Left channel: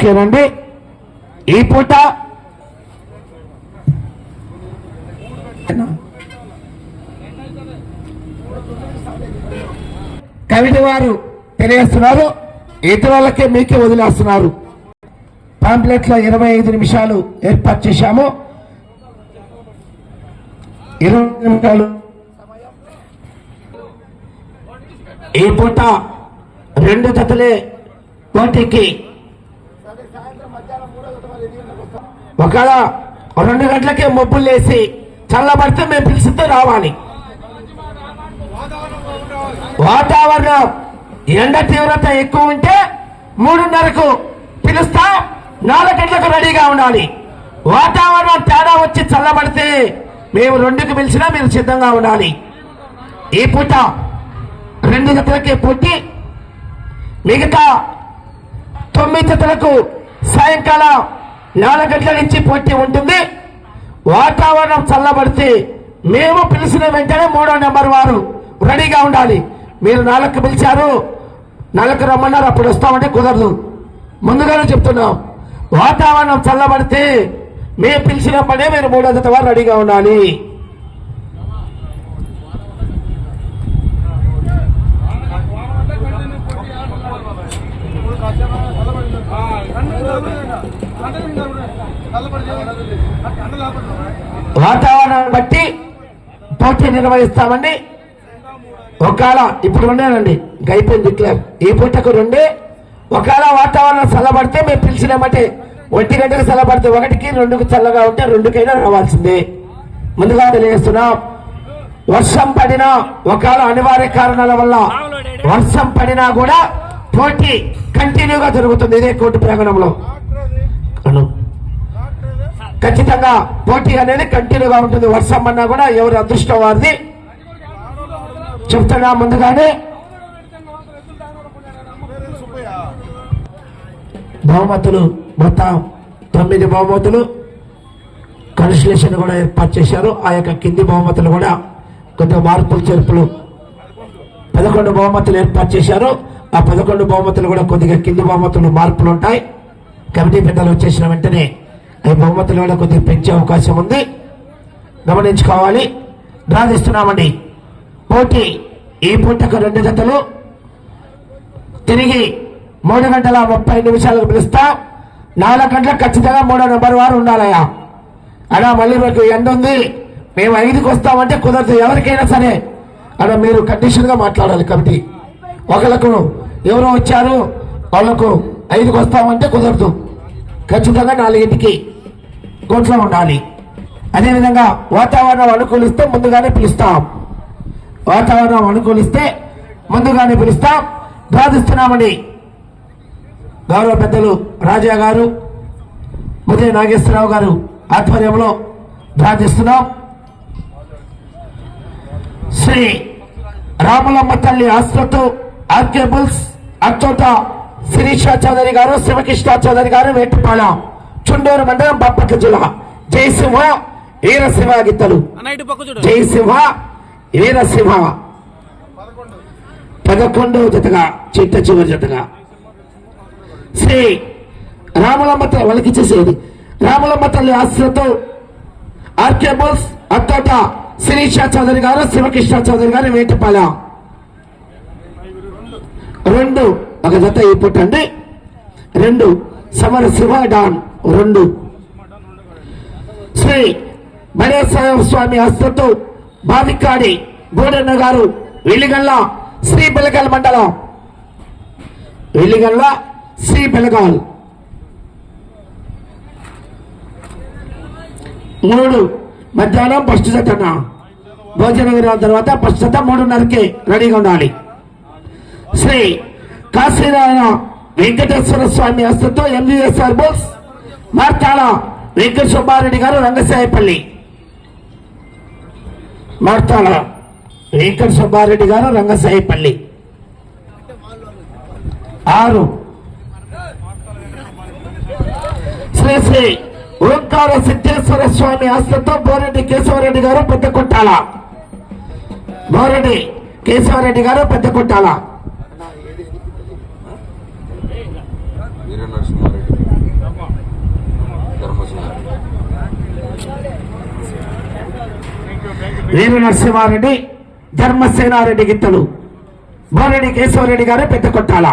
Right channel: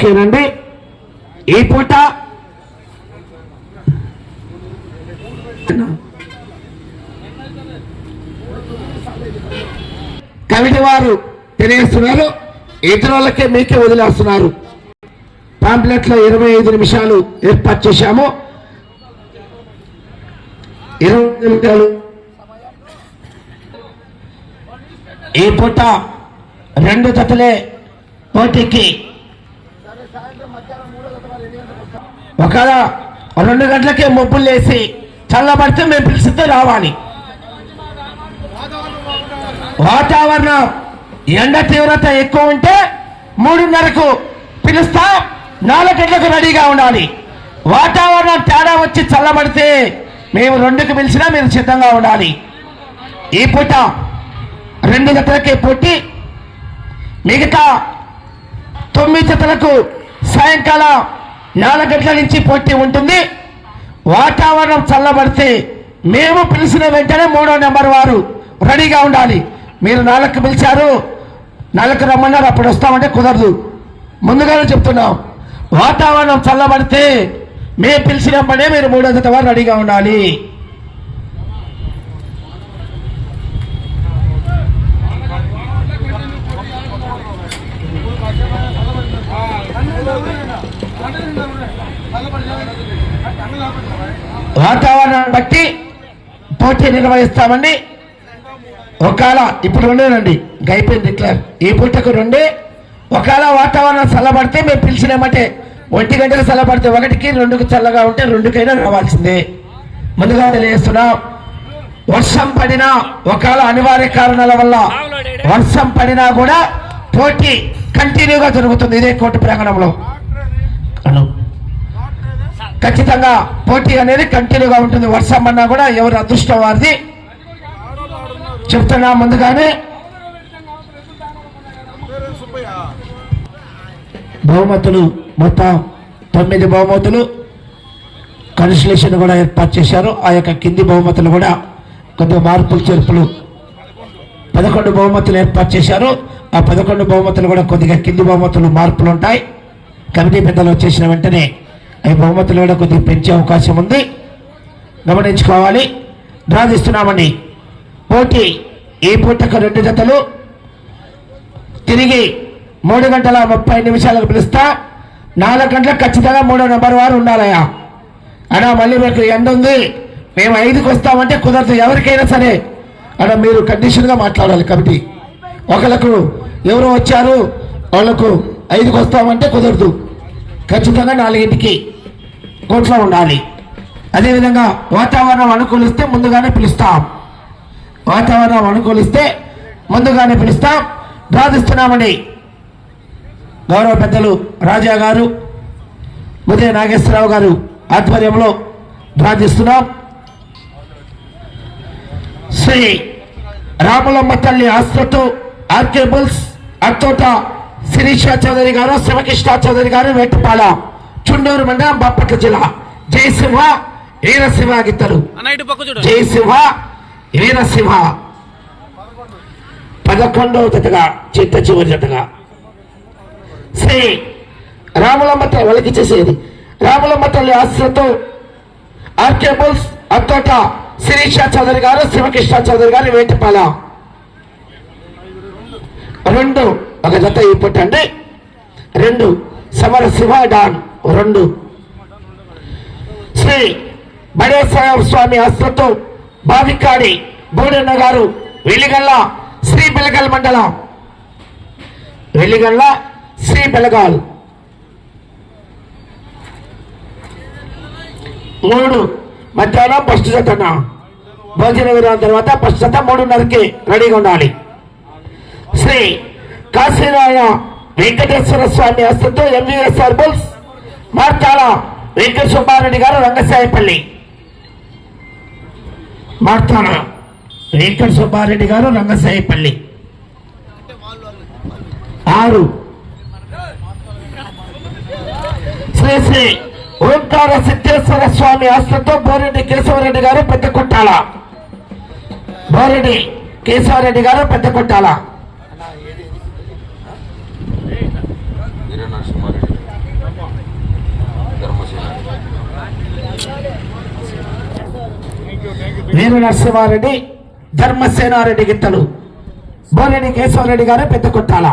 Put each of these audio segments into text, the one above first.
ఓకేనండి. ఈ పూట కమిటీ వారు తెలియజేస్తున్నారు, ఇతరులకే మీకే వదిలేస్తున్నారు. పాంప్లెట్లో 25 నిమిషాలు ఏర్పాటు చేశాము. 20 నిమిషాలు ఈ పూట 2 జతలే పోటీకి. ఒకవేళ 2 గంటలకే మబ్బులు వేసి చల్లబడితే మేము పిలిచితే రావాలి. వాతావరణం ఎండ తీవ్రత ఎక్కువ ఉంటే 3:30కు పిలుస్తా, 4 గంటలకు రెడీగా ఉండాలి. వాతావరణం తేడా వచ్చి చల్లబడితే మేము 2కి పిలిచినా మీరు సిద్ధంగా ఉండాలి. ఈ పూట 2 జతలకే పోటీ, మిగతా 9 జతలకు సాయంకాలం 4 గంటల నుంచి పోటీ ఉంటుంది. వాతావరణం చల్లబడితే మేము పిలిచిన వెంటనే 3వ నెంబర్ వారు రెడీగా ఉండాలి. మీరు 4కు పిలిచారు, 4కు రమ్మన్నారు, అప్పుడు వస్తామంటే కుదరదు. ముందుగానే చెప్తున్నాం, వాతావరణం చల్లబడితే మేము పిలిచినప్పుడే మీరు 3వ జత వారు రెడీగా ఉండాలి. వాతావరణం బట్టి పోటీ నిర్వహిస్తామండి. ఒకవేళ ఇప్పుడు ఉండేనండి అయిపోయింది డిక్లేర్. ఈ పూటకు 2. ఒకవేళ వాతావరణం చల్లబడితే మేము పిలిచినామంటే 1 గంటకు చల్లబడితే 1కి, 2కు చల్లగా ఉంటే 2కైనా రావాల్సిందే. ముందుగా తెలియజేస్తున్నాం. వర్షం పడినా, ఒకవేళ అనివార్య కారణాల వల్ల వర్షం పడినా కూడా పోటీ కంటిన్యూగా జరుగుతుంది. ఇదే కోర్టు ప్రాంగణంలో ఖచ్చితంగా పోటీ అనేది కంటిన్యూగా ఉంటుంది. వర్షం అన్నా కూడా ఎవరి అదృష్టం వారిది. చెప్తున్నా ముందుగానే. బహుమతులు మొత్తం 9 బహుమతులు కన్సలేషన్ కూడా ఏర్పాటు చేశారు. ఆ యొక్క కింది బహుమతులు కూడా కొద్దిగా మార్పులు చేర్పులు 11 బహుమతులు ఏర్పాటు చేశారు. ఆ 11 బహుమతులు కూడా కొద్దిగా కింది బహుమతులు మార్పులు ఉంటాయి. కమిటీ పెద్దలు వచ్చేసిన వెంటనే ఈ బహుమతులు కూడా కొద్దిగా పెంచే అవకాశం ఉంది, గమనించుకోవాలి. డ్రా తీస్తున్నామని పోటీ ఈ పూటకు 2 జతలు తిరిగి 3:30 పిలుస్తా. 4 గంటలకు ఖచ్చితంగా 3వ నెంబర్ వారు ఉండాలయా. అలా మళ్ళీ మీకు ఎండ ఉంది, మేము 5కి వస్తామంటే కుదరదు. ఎవరికైనా సరే అలా మీరు కండిషన్గా మాట్లాడాలి. కమిటీ ఒకళ్ళకు ఎవరో వచ్చారు వాళ్లకు 5కి వస్తామంటే కుదరదు. ఖచ్చితంగా 4కి కోర్టులో ఉండాలి. అదేవిధంగా వాతావరణం అనుకూలిస్తే ముందుగానే పిలుస్తాం. వాతావరణం అనుకూలిస్తే ముందుగానే పిలుస్తాం. బాధిస్తున్నామని గౌరవ పెద్దలు రాజా గారు, ఉదయ నాగేశ్వరరావు గారు ఆధ్వర్యంలో బాధిస్తున్నాం. శ్రీ రాములమ్మ తల్లి ఆస్పత్రు ఆర్కేబుల్స్ అచ్చోట శిరీష చౌదరి గారు, శివకృష్ణ చౌదరి గారు, వేటిపాల, చుండూరు మండలం, బాపట్ల జిల్లా. జయశివ వీరశివ గిత్తలు, జయశివ వీరశివ 11వ జతగా, చిట్ట చివరి జతగా శ్రీ రాములమ్మ తల్లి వాళ్ళకి చేసేది రాములమ్మ తల్లి ఆశ్రతో ఆర్కేబుల్స్ అత్తోట శిరీష చౌదరి గారు, శివకృష్ణ చౌదరి గారు, వేటిపాల 2 ఒక జత ఇప్పటండి. 2 సమర శివ డాన్ 2. శ్రీ బడేశ్వర స్వామి ఆస్తితో బావికాడి బోడన్న గారు, వెలిగల్ల శ్రీ బెలగాల్ మండలం, వెలిగల్ల శ్రీ బెలగాల్ 3. మధ్యాహ్నం ఫస్ట్ జతన భోజన విరామ తర్వాత ఫస్ట్ జత 3:30కి రెడీగా ఉండాలి. శ్రీ కాశీనారాయణ వెంకటేశ్వర స్వామి ఆస్తితో ఎంవీఎస్ఆర్ బుల్స్ మార్తాల వెంకట సుబ్బారెడ్డి గారు, రంగసాయపల్లి. మార్తాల వెంకట సుబ్బారెడ్డి గారు, రంగసాయపల్లి 6. శ్రీ శ్రీ ఓంకార సిద్ధేశ్వర స్వామి ఆస్తితో బోరెడ్డి కేశవరెడ్డి గారు, పెద్దకొట్టాల. బోరెడ్డి కేశవరెడ్డి గారు, పెద్దకొట్టాల వీర నరసింహారెడ్డి, ధర్మసేనారెడ్డి గిత్తలు, బోరెడ్డి కేశవరెడ్డి గారు పెద్ద కొట్టాల.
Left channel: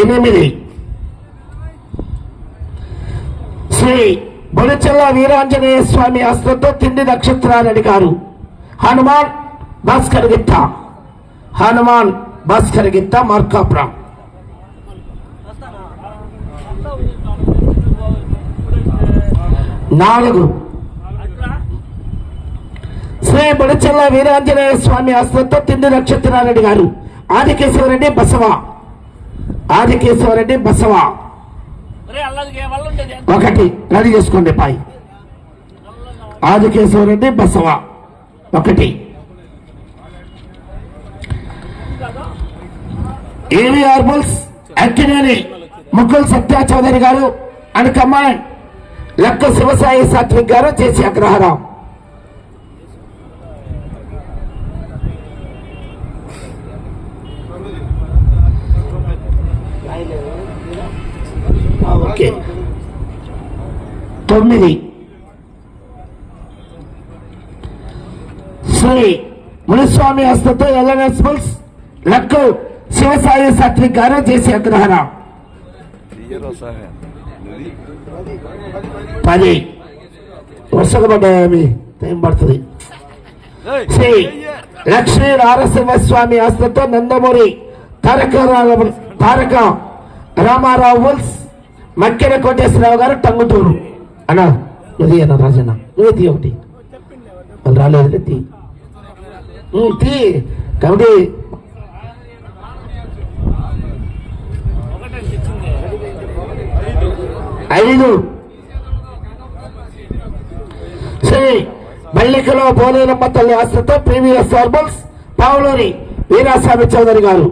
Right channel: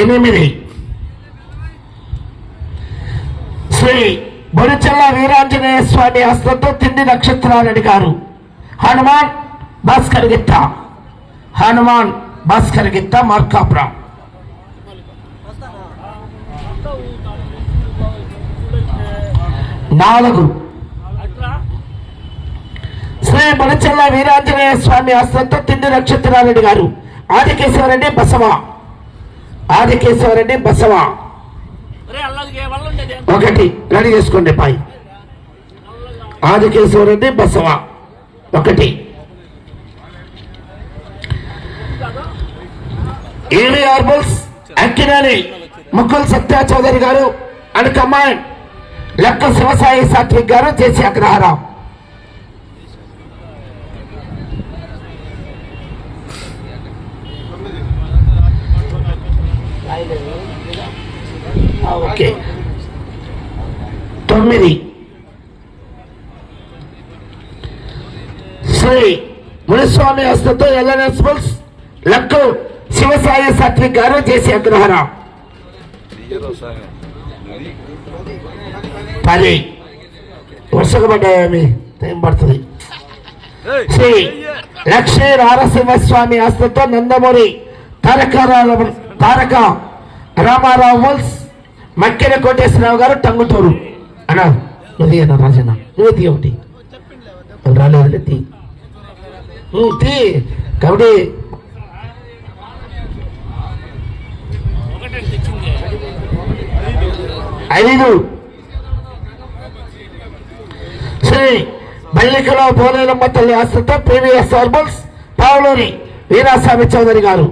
ఎనిమిది శ్రీ బొడిచెల్ల వీరాంజనేయ స్వామి హస్తంతో తిండి నక్షత్రారెడ్డి గారు, హనుమాన్ భాస్కర్ గిత్త, హనుమాన్ భాస్కర్ గిత్త మార్కాపురం. నాలుగు శ్రీ బొడిచెల్ల వీరాంజనేయ స్వామి హస్తంతో తిండి నక్షత్రారెడ్డి గారు, ఆదికేశవరెడ్డి బసవ, ఆదికేశవరెడ్డి బసవ. ఒకటి రెడీ చేసుకోండి పాయి. ఆదికేశవరెడ్డి బసవ ఒకటి. ఏవి ఆర్బుల్స్ అక్కినేని ముక్కుల్ సత్య చౌదరి గారు అండ్ కమాండ్ లెక్క శివసాయి సాత్విక్ గారు చేసి అగ్రహారం. ఓకే. 9 శ్రీ మునిస్వామి హస్తంతో ఎల్ఎన్ఎస్ బుల్స్ లక్కు శివసాయి సాత్విక్ గారు చేసి అగ్రహారం. 10 వర్షకబడ్డాయి, టైం పడుతుంది. శ్రీ లక్ష్మీ నారసింహస్వామి హస్తంతో నందమూరి తారక రామారావు బుల్స్ మక్కెన కోటేశ్వరరావు గారు టంగుటూరు అన్నారు. ఇది అన్న రాజన్న నువ్వు తీ ఒకటి రాలేదు తీ తీ కాబట్టి 5 శ్రీ బల్లికలో పోలేనమ్మ తల్లి ఆస్తితో ప్రీవియస్ ఆల్బమ్స్ పావులూరి వీరాస్వామి చౌదరి గారు.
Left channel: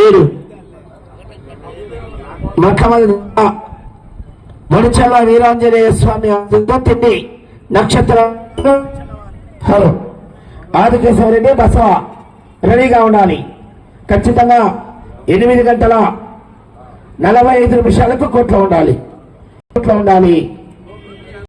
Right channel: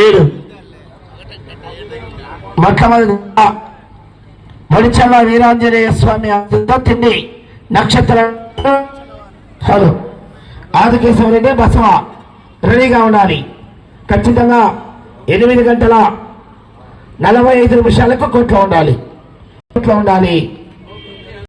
7 మొట్టమొదటి బడిచెల్ల వీరాంజనేయ స్వామి ఆస్తితో తిండి నక్షత్ర ఆదికేశవరెడ్డి బసవ రెడీగా ఉండాలి. ఖచ్చితంగా 8 గంటల 45 నిమిషాలకు కోట్లో ఉండాలి.